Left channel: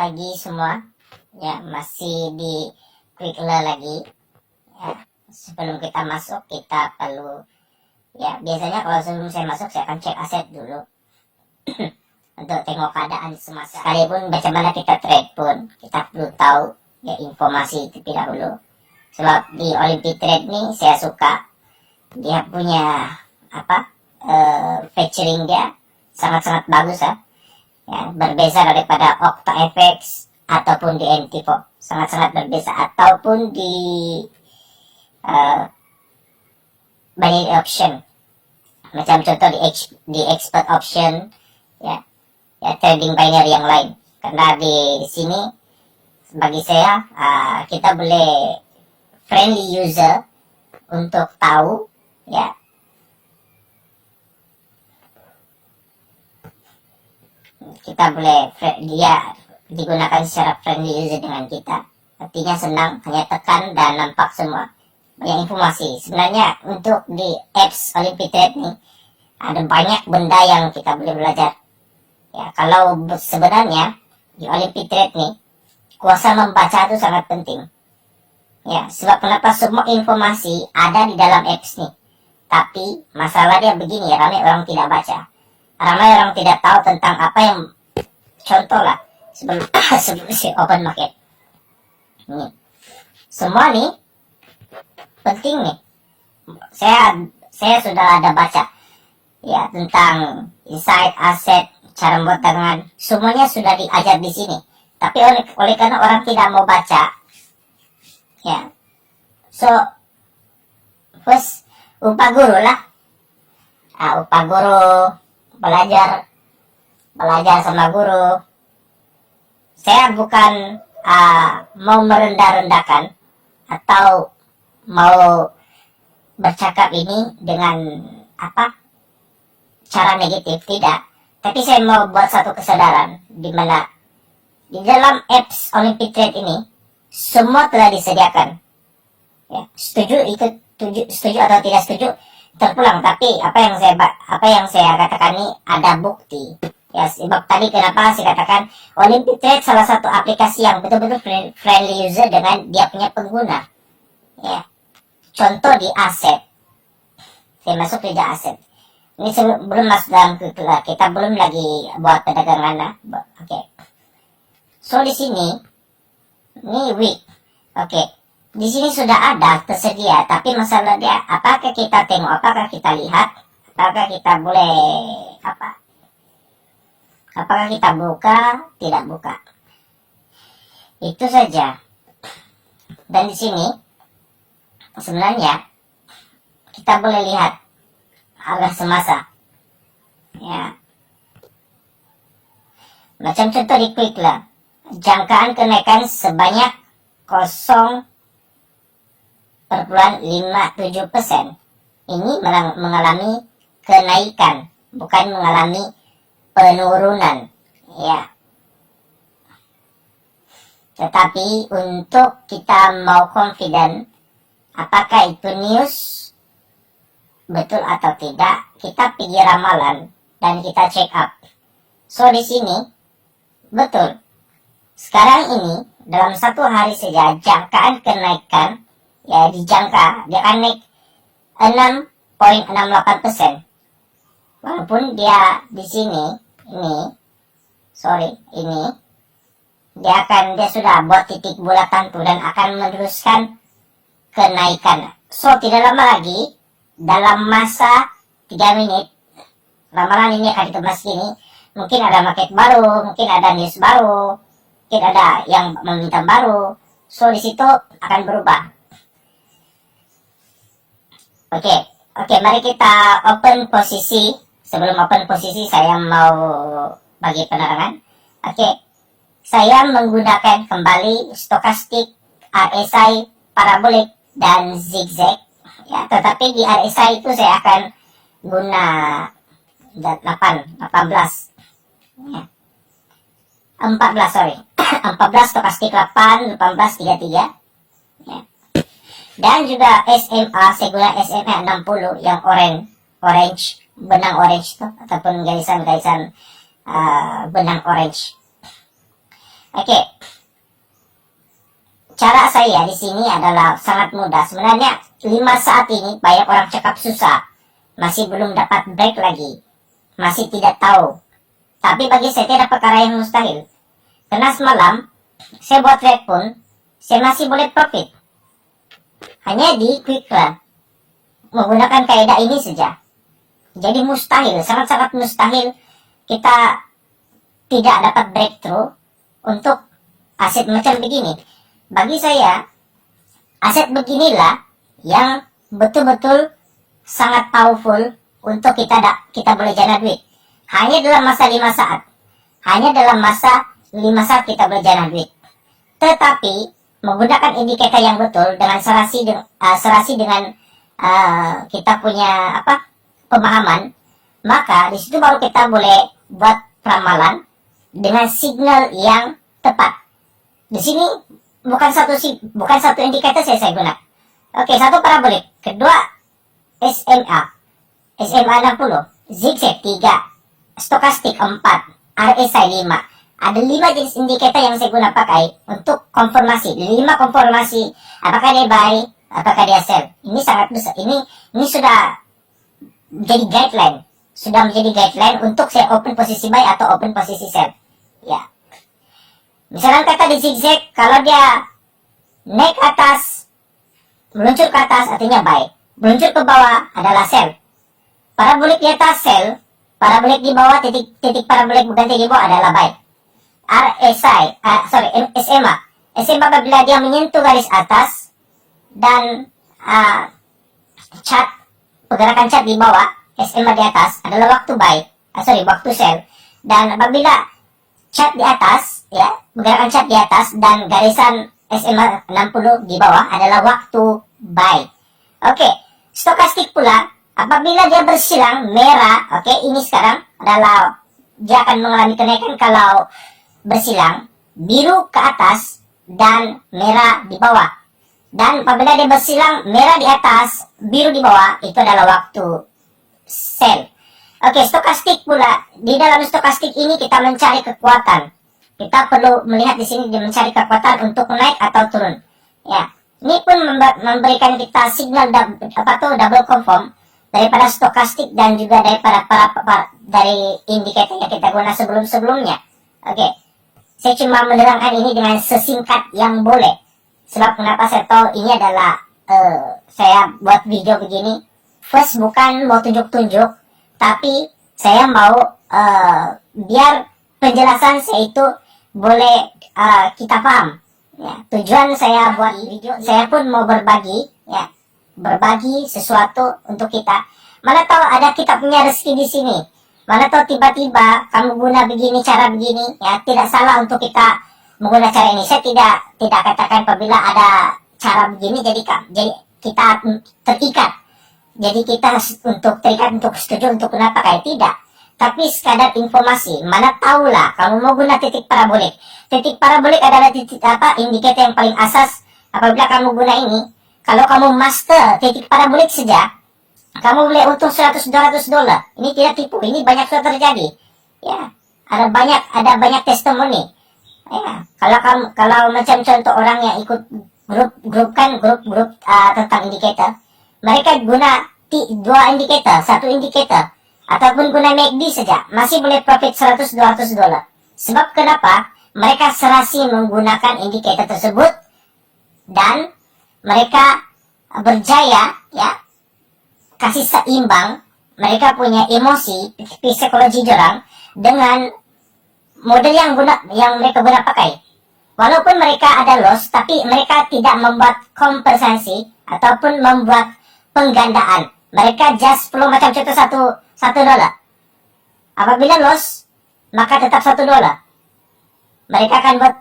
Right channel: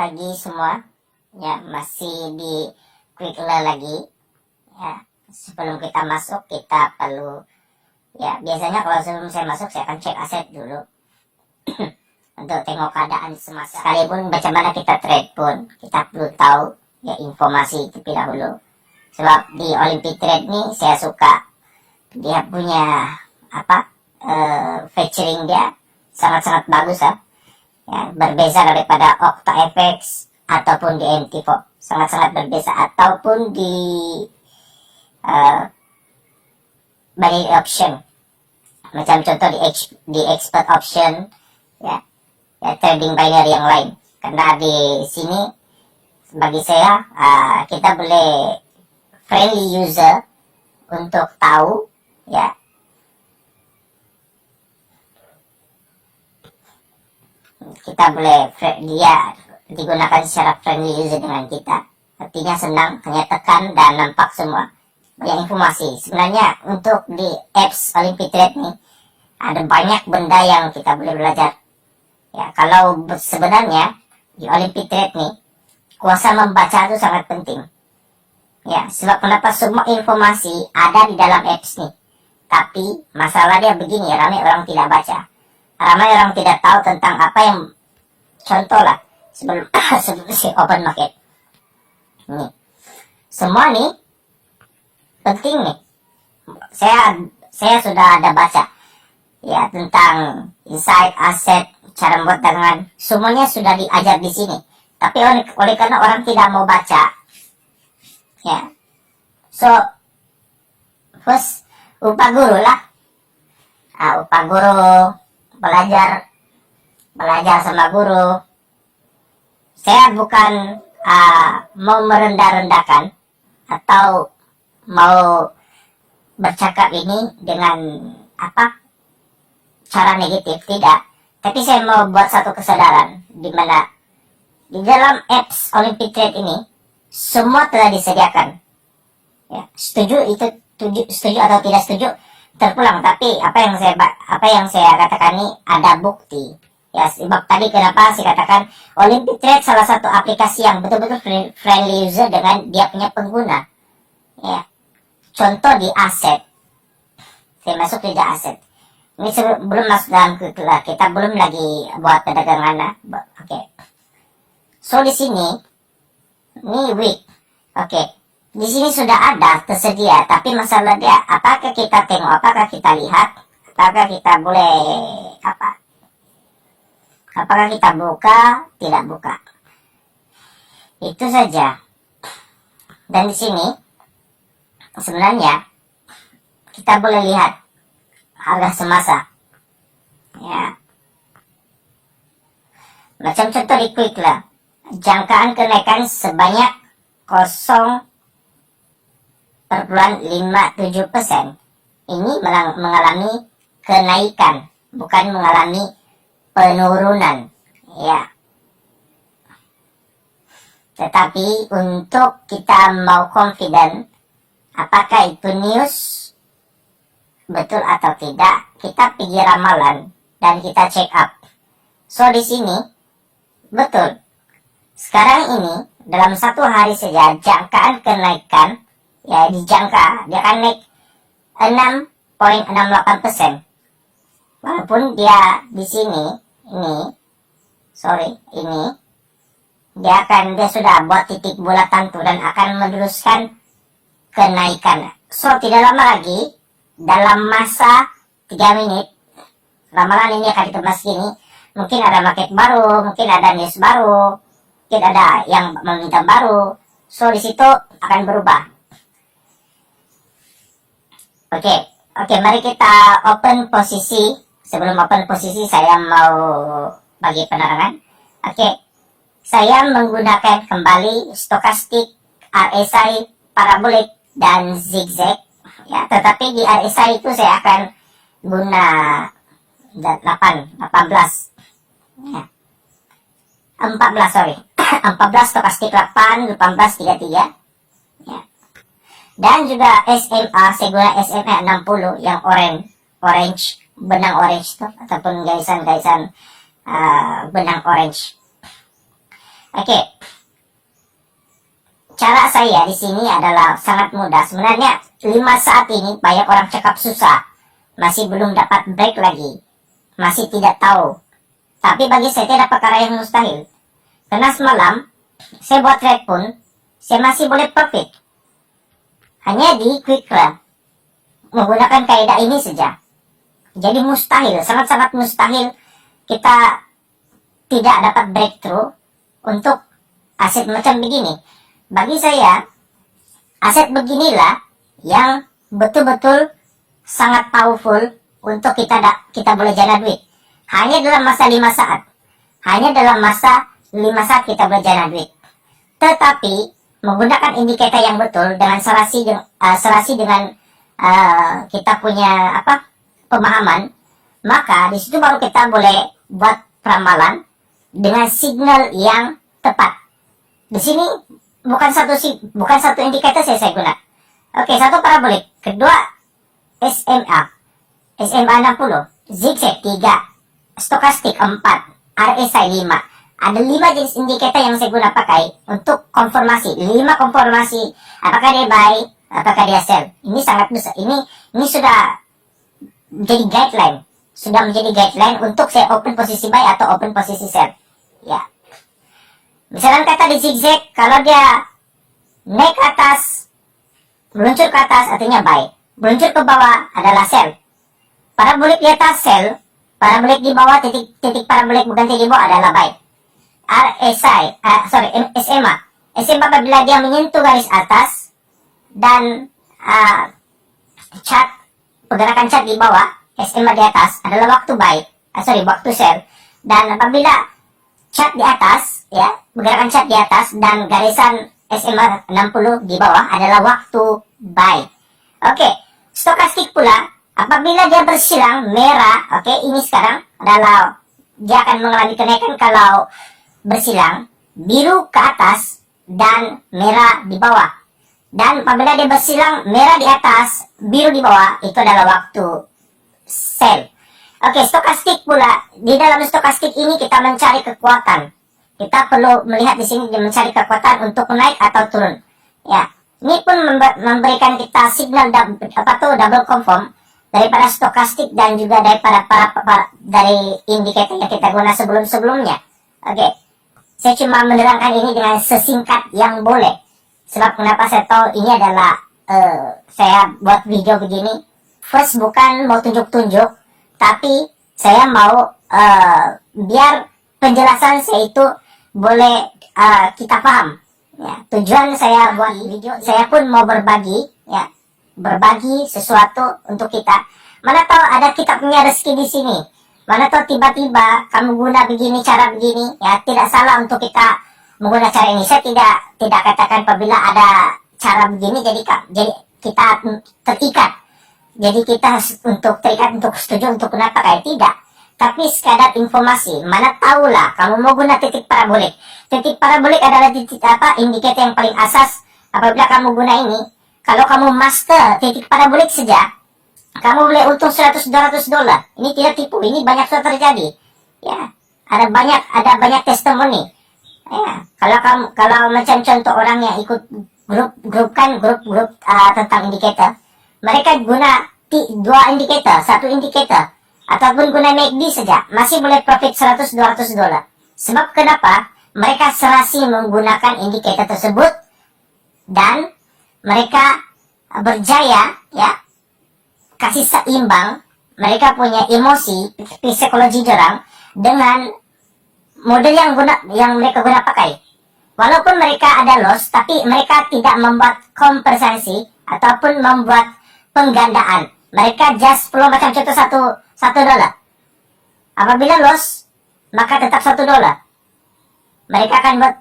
pagi semua. Ya, masih di quick learn lagi. Ya, sebelum kita masuk kita perlu, ya biasanya kalau sebelum saya masuk saya akan cek aset dulu untuk tengok keadaan semasa. Sekalipun bagaimana kita trade pun kita perlu tahu ya informasi terlebih dahulu. Sebab di Olympic Trade nih saya suka dia punya featuring dia sangat-sangat bagus ya. Ya, berbeza daripada OctaFX ataupun di NTFO, sangat-sangat berbeza, ataupun di binary option, macam contoh di expert option ya trading binary yang lain. Karena di sini bagi saya kita boleh friendly user untuk tahu ya kita boleh dia digunakan secara friendly user dengan kita, artinya senang, hanya tekan dan nampak semua banyak informasi. Sebenarnya untuk di apps Olympic Trade nih ada banyak benda yang kita boleh belajar ya. Kalau sebenarnya di Olympic Trade nih kuasa membaca itu sangat penting ya, sebab kenapa semua informasi ada di dalam apps nih, tapi masalah dia begini, ramai orang tidak baca, ramai orang tidak tahu tentang apa yang, contoh lah sebelum si open market nih, semua nih penting nih. Saya sudah ada baca ya tentang insight, aset, cara membuat dagangan, semuanya sudah diajar di sini. Tapi oleh karena orang tidak mau baca ya, so first upah guru lah, upah guru, belajar sama guru. Saya bukan mau merendah-rendahkan atau mau bercakap ini dengan cara negatif, tidak. Tapi saya mau buat satu kesadaran di mana di dalam apps Olympic Trade ini semua telah disediakan. Ya, setuju atau tidak setuju terpulang, tapi apa yang saya katakan ini ada bukti. Ya, sebab tadi kenapa saya katakan Olympic Trade salah satu aplikasi yang betul-betul friendly user dengan dia punya pengguna. Ya, contoh di aset. Saya masuk di aset. Ini belum masuk dalam kita belum lagi buat perdagangan lah. Oke. So di sini ini week. Oke. Di sini sudah ada tersedia, tapi masalah dia apakah kita tengok, apakah kita lihat, apakah kita boleh apakah kita buka, tidak buka. Itu saja. Dan di sini sebenarnya kita boleh lihat harga semasa. Ya. Macam contoh di quick lah. Jangkaan kenaikan sebanyak 0,57%. Ini mengalami kenaikan, bukan mengalami penurunan ya. Tetapi untuk kita mau confident apakah itu news betul atau tidak, kita pergi ramalan dan kita check up. So di sini betul, sekarang ini dalam satu hari saja jangkaan kenaikan ya dijangka dia akan naik 6,68%. Walaupun dia di sini dia sudah buat titik bulatan tuh dan akan meneruskan kenaikan. So tidak lama lagi, dalam masa 3 menit ramalan ini akan dikemas gini. Mungkin ada market baru, mungkin ada news baru, mungkin ada yang meminta baru. So di situ akan berubah. Oke, mari kita open posisi. Sebelum open posisi saya mau bagi penerangan. Oke, saya menggunakan kembali stokastik, RSI, parabolik, dan zigzag. Ya, tetapi di RSI itu saya akan guna 18. Ya. 14, sorry. 14 stokastik 8, 18, 33. Ya. Dan juga SMA, saya guna SMA 60 yang orange, benang orange tuh, ataupun garisan benang orange. Oke. Cara saya di sini adalah sangat mudah. Sebenarnya 5 saat ini banyak orang cakap susah. Masih belum dapat break lagi. Masih tidak tahu. Tapi bagi saya tidak perkara yang mustahil. Karena semalam saya buat trade pun saya masih boleh profit. Hanya di quick run. Menggunakan kaidah ini saja. Jadi mustahil, sangat-sangat mustahil kita tidak dapat breakthrough untuk aset macam begini. Bagi saya, aset beginilah yang betul-betul sangat powerful untuk kita boleh jana duit. Hanya dalam masa 5 saat. Hanya dalam masa 5 saat kita boleh jana duit. Tetapi menggunakan indikator yang betul dengan serasi dengan kita punya pemahaman, maka di situ baru kita boleh buat ramalan dengan signal yang tepat. Di sini bukan satu indikator saya guna. Oke, satu parabolik, kedua SMA 60, zigzag 3, stokastik 4, RSI 5. Ada 5 jenis indikator yang saya guna pakai untuk konfirmasi. 5 konfirmasi apakah dia buy, apakah dia sell. Ini sangat besar. Ini sudah menjadi guideline. Sudah menjadi guideline untuk saya open posisi buy atau open posisi sell. Ya. Misalkan kata di zigzag, kalau dia naik ke atas, meluncur ke atas artinya buy. Meluncur ke bawah adalah sell. Parabolik di atas sell, parabolik di bawah, titik parabolik berganti di bawah adalah buy. SMA apabila dia menyentuh garis atas dan pergerakan cat di bawah, SMA di atas adalah waktu buy, waktu sell. Dan apabila cat di atas, ya, pergerakan cat di atas dan garisan SMA 60 di bawah adalah waktu buy. Oke, stokastik pula apabila dia bersilang merah, ini sekarang adalah dia akan mengalami kenaikan kalau bersilang, biru ke atas dan merah di bawah. Dan apabila dia bersilang merah di atas, biru di bawah, itu adalah waktu sell. Oke, stokastik pula. Di dalam stokastik ini kita mencari kekuatan. Kita perlu melihat di sini dia mencari kekuatan untuk naik atau turun. Ya, ini pun memberikan kita signal double confirm daripada stokastik dan juga daripada dari indikator yang kita guna sebelumnya. Oke, saya cuma menerangkan ini dengan sesingkat yang boleh. Sebab kenapa saya tahu ini adalah saya buat video begini. First bukan mau tunjuk-tunjuk, tapi saya mau biar penjelasan saya itu boleh kita paham. Ya, tujuan saya buat video, saya pun mau berbagi, ya, berbagi sesuatu untuk kita. Mana tahu ada kita punya rezeki di sini. Mana tahu tiba-tiba kamu guna begini, cara begini, ya tidak salah untuk kita menggunakan cara ini. Saya tidak katakan apabila ada cara begini jadi kita terikat. Jadi kita untuk terikat, untuk setuju, untuk guna pakai, tidak. Tapi sekadar informasi. Mana tahulah kamu mau guna titik parabolik. Titik parabolik adalah indikator yang paling asas apabila kamu guna ini. Kalau kamu master titik parabolik saja, kamu boleh untung $100-200. Ini tidak tipu, ini banyak sudah terjadi. Ya, ada banyak testimoni. Ya, kalau macam contoh orang yang ikut grup tentang indikator, mereka guna 2 indikator, 1 indikator, ataupun guna MACD saja, masih boleh profit $100-200. Sebab kenapa? Mereka serasi menggunakan indikator tersebut dan mereka berjaya, ya, kasih seimbang. Mereka punya emosi, psikologi orang dengan model yang mereka guna pakai. Walaupun mereka ada loss, tapi mereka tidak membuat kompensasi ataupun membuat penggandaan. Mereka just flow macam contoh $1. Apabila loss, maka tetap $1. Mereka akan buat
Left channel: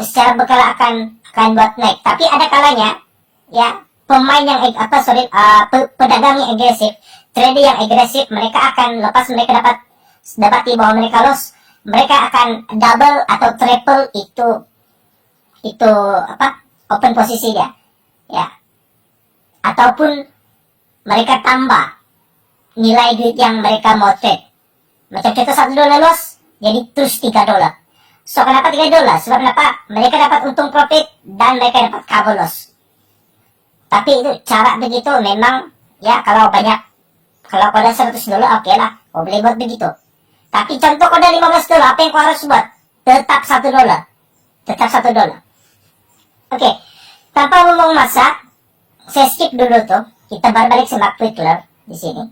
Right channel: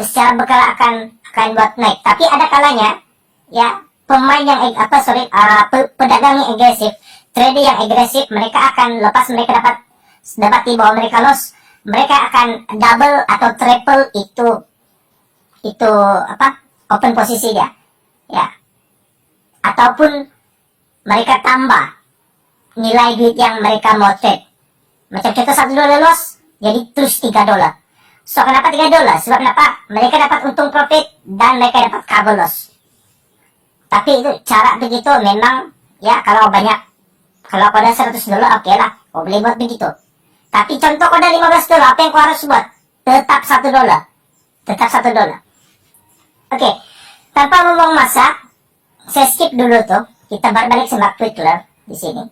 secara berkala akan buat naik. Tapi ada kalanya, ya, pemain yang pedagang yang agresif, trader yang agresif, mereka akan lepas mereka dapat bahwa mereka loss, mereka akan double atau triple itu open posisi dia, ya, ataupun mereka tambah nilai duit yang mereka mau trade. Macam contoh $1 loss, jadi terus $3. So, kenapa $3? Sebab kenapa? Mereka dapat untung profit dan mereka dapat cover loss. Tapi itu cara begitu memang, ya kalau banyak, kalau kau ada $100, oke lah, kau boleh buat begitu. Tapi contoh kau ada $15, apa yang kau harus buat? Tetap $1. Tetap $1. Oke, tanpa membuang masa, saya skip dulu tuh. Kita balik sama quick clear di sini.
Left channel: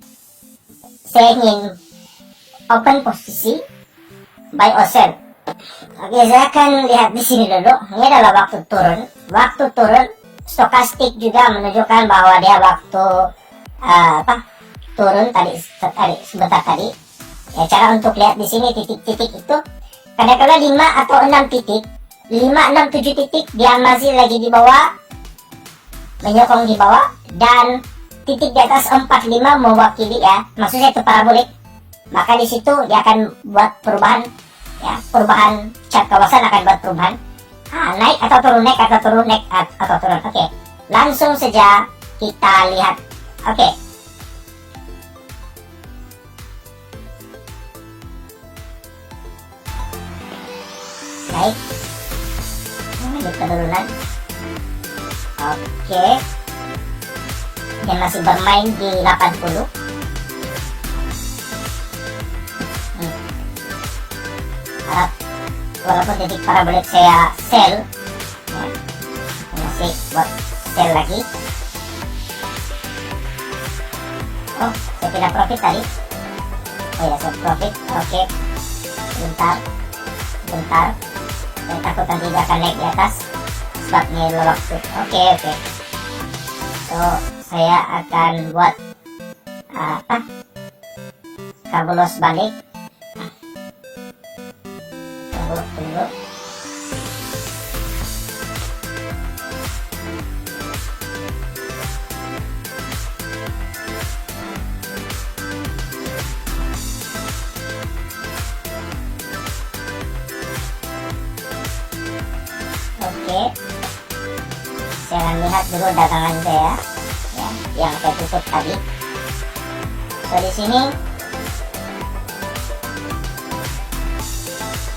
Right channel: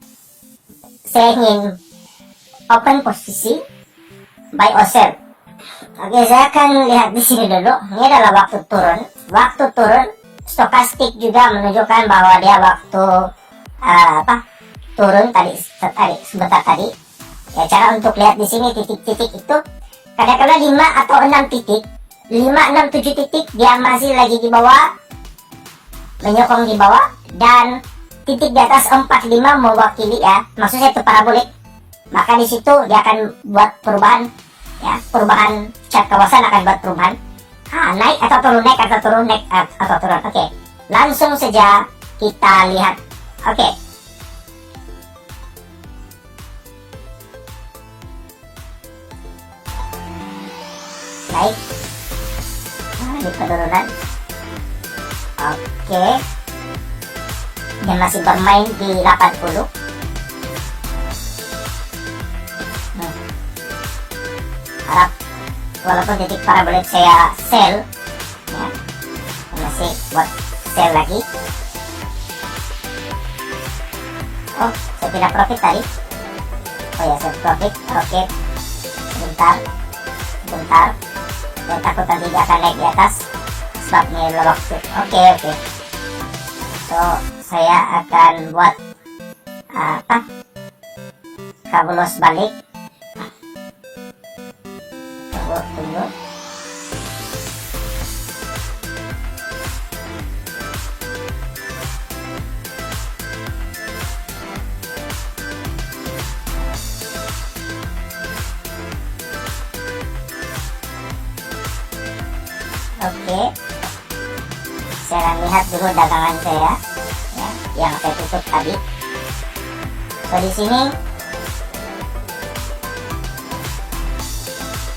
Saya ingin open posisi buy or sell. Oke, saya akan lihat di sini dulu. Ini adalah waktu turun. Waktu turun, stokastik juga menunjukkan bahwa dia waktu turun tadi sebentar tadi. Ya, cara untuk lihat di sini titik-titik itu kadang-kadang 5 atau 6 titik, 5, 6, 7 titik dia masih lagi di bawah, menyokong di bawah, dan titik di atas 4, 5 mewakili, ya, maksudnya itu parabolik. Maka di situ dia akan buat perubahan, ya, perubahan chart kawasan akan buat perubahan. Naik atau turun, naik atau turun, naik atau turun. Oke, langsung saja kita lihat. Oke. Naik. Di penurunan. Oke. Dia masih bermain di 80. Harap walaupun titik parabolik saya sell, ya, masih buat sell lagi. Oh, saya tidak profit tadi. Oh ya, saya profit. Oke, bentar. Saya takut nanti dia akan naik di atas sebab ini waktu. Oke. So, saya akan buat cover loss balik. Tunggu. Oke. Saya akan lihat dulu dagangan saya, ya, yang saya tutup tadi. So, di sini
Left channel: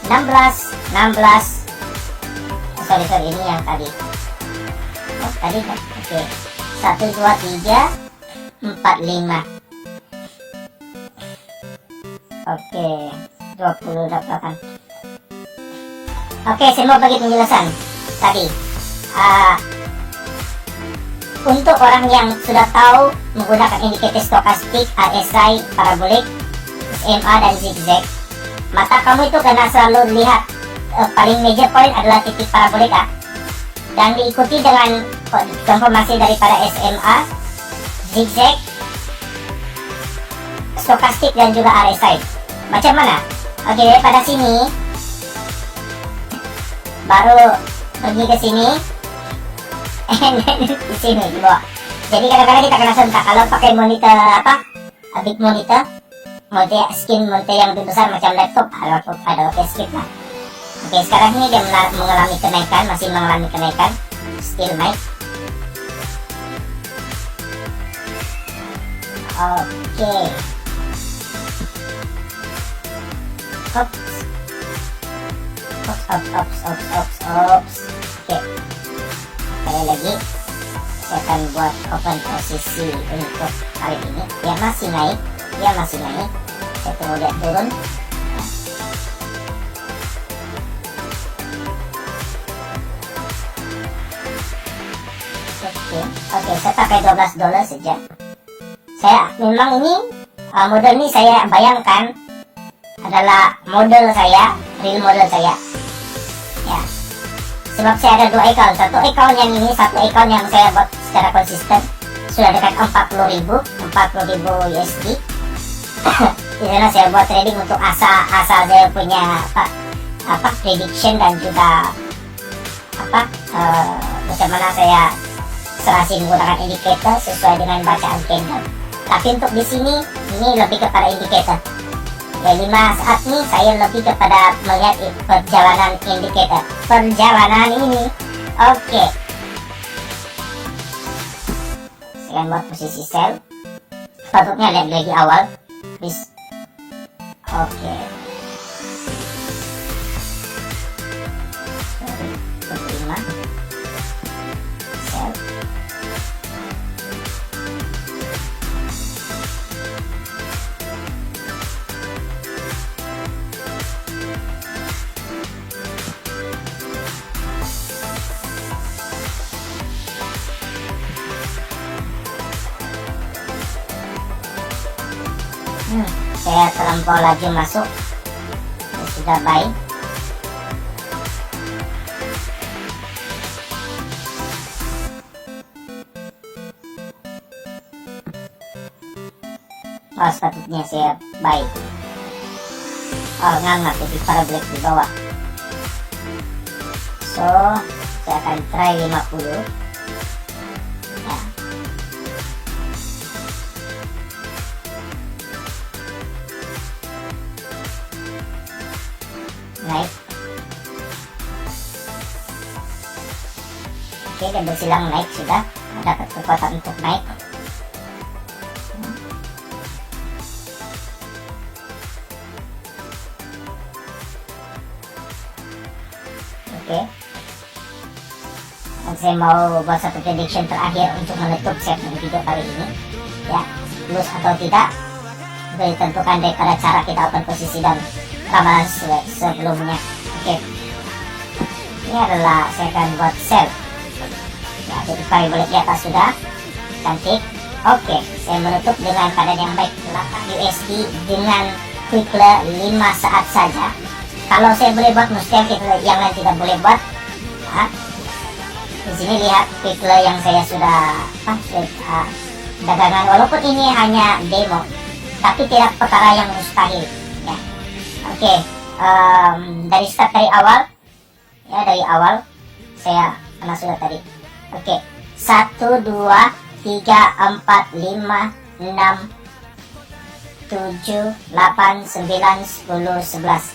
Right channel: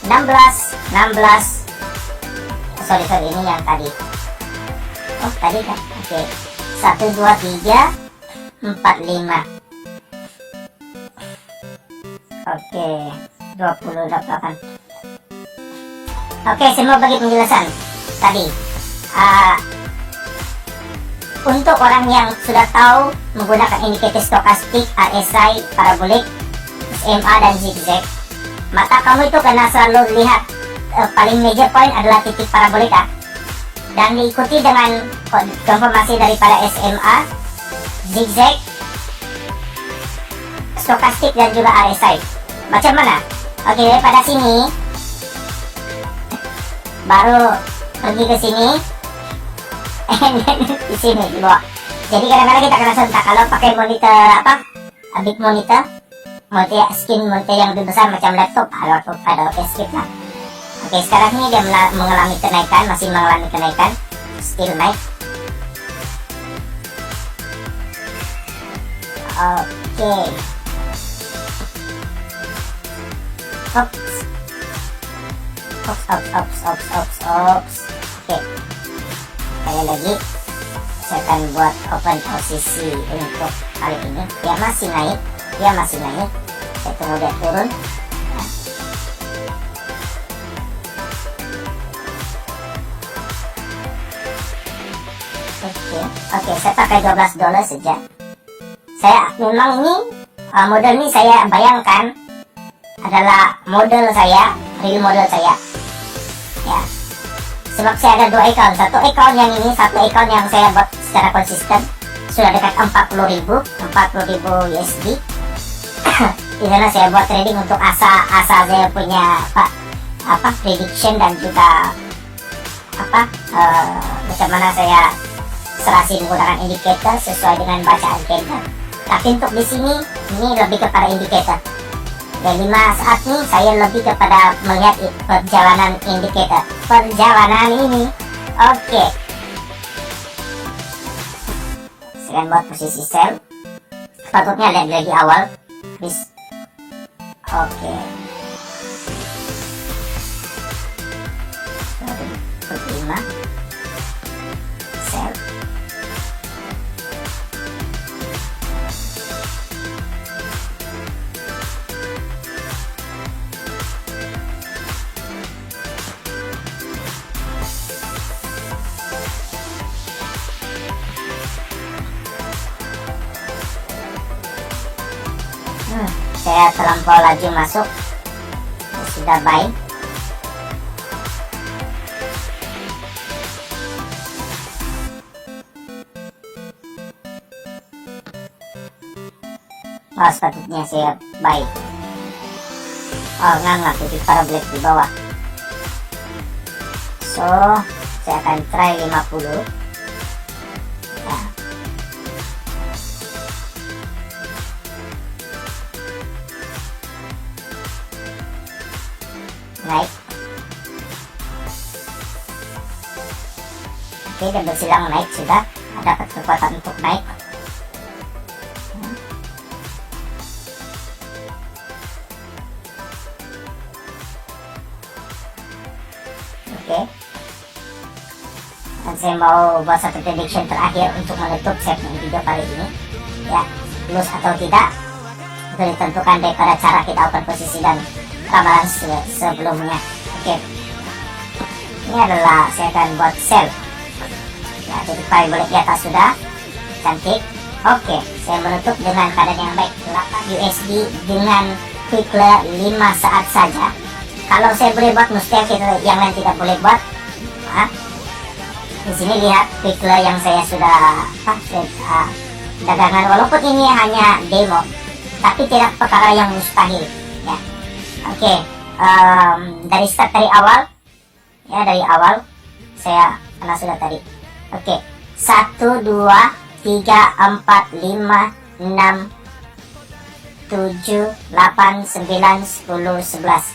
16. Sorry, ini yang tadi. Oh, tadi kan. Oke. 1, 2, 3, 4, 5. Oke, 28. Oke, saya mau bagi penjelasan tadi. Untuk orang yang sudah tahu menggunakan indikator stokastik, RSI, parabolik, SMA, dan zigzag, maka kamu itu kena selalu lihat paling major point adalah titik parabolika, dan diikuti dengan konfirmasi daripada SMA, zigzag, stokastik, dan juga RSI. Macam mana? Oke, pada sini baru pergi ke sini, di sini di bawah. Jadi kadang-kadang kita kena sentak kalau pakai monitor big monitor skin monitor yang lebih besar macam laptop, ada skip lah. Oke, sekarang ini dia mengalami kenaikan, masih mengalami kenaikan, still naik. Oke. Ops. Oke. Sekali lagi, saya akan buat open posisi untuk kali ini. Dia masih naik. Saya tunggu dia turun. Oke, saya pakai $12 saja. Saya memang ini model ini saya bayangkan adalah model saya, real model saya, ya. Sebab saya ada 2 account, satu account yang saya buat secara konsisten sudah dekat 40.000 USD. Di sana saya buat trading untuk asa saya punya prediction dan juga bagaimana saya serasi menggunakan indikator sesuai dengan bacaan candle. Tapi untuk di sini ini lebih kepada indikator. Ya, 5 saat ini saya lebih kepada melihat perjalanan indikator. Perjalanan ini. Oke. Saya buat posisi sell. Patutnya lihat lagi awal. Please. Oke. 5 sell. Saya terlampau laju masuk, saya sudah buy. Oh, sepatutnya saya buy. Oh, nggak, titik parabolik di bawah. So, saya akan try 50. Ya. Naik. Oke, dan bersilang naik sudah. Dapat kekuatan untuk naik. Oke. Dan saya mau buat satu prediction terakhir untuk menutup segmen video kali ini. Ya, lulus atau tidak itu ditentukan daripada cara kita open posisi dan ramalan sebelumnya. Oke. Ini adalah saya akan buat sell. Ya, titik parabolik di atas sudah. Cantik. Oke, saya menutup dengan keadaan yang baik. 8 USD dengan quickler 5 saat saja. Kalau saya boleh buat, mustahil kita yang lain tidak boleh buat. Nah, di sini lihat quickler yang saya sudah dagangan. Walaupun ini hanya demo, tapi tidak perkara yang mustahil. Ya, oke. Dari start, dari awal, ya dari awal saya karena sudah tadi. Oke, 1, 2, 3, 4, 5, 6, 7, 8, 9, 10, 11.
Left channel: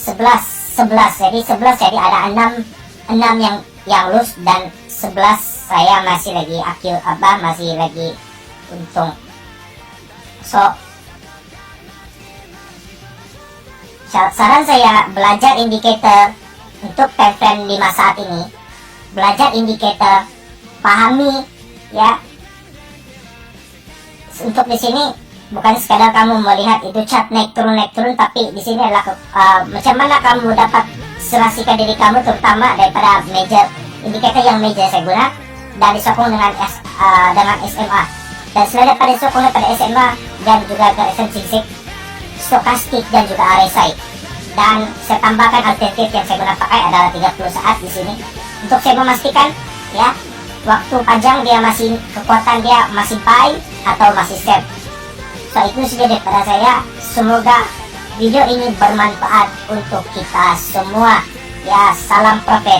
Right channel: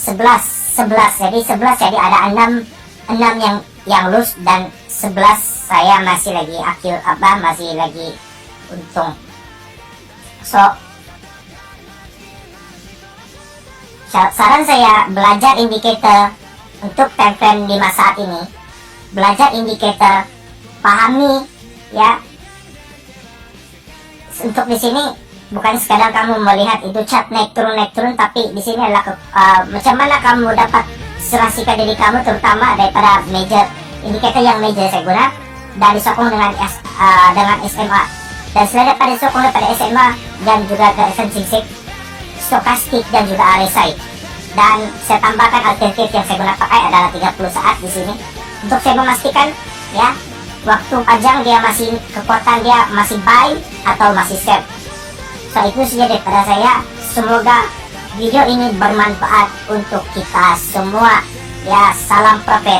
11 jadi ada 6 yang loose dan 11 saya masih lagi masih lagi untung. So, saran saya belajar indikator untuk time frame 5 saat ini. Belajar indikator, pahami ya. Untuk di sini bukan sekadar kamu melihat itu chart naik turun, tapi di sini adalah macam mana kamu dapat serasikan diri kamu, terutama daripada major indikator yang major saya guna dan disokong dengan SMA. Dan selain daripada disokong daripada SMA dan juga ke eccentric, stokastik dan juga RSI. Dan saya tambahkan alternatif yang saya guna pakai adalah 30 saat di sini untuk saya memastikan ya waktu panjang dia masih kekuatan dia masih buy atau masih sell. So, itu saja daripada saya. Semoga video ini bermanfaat untuk kita semua. Ya, salam profit.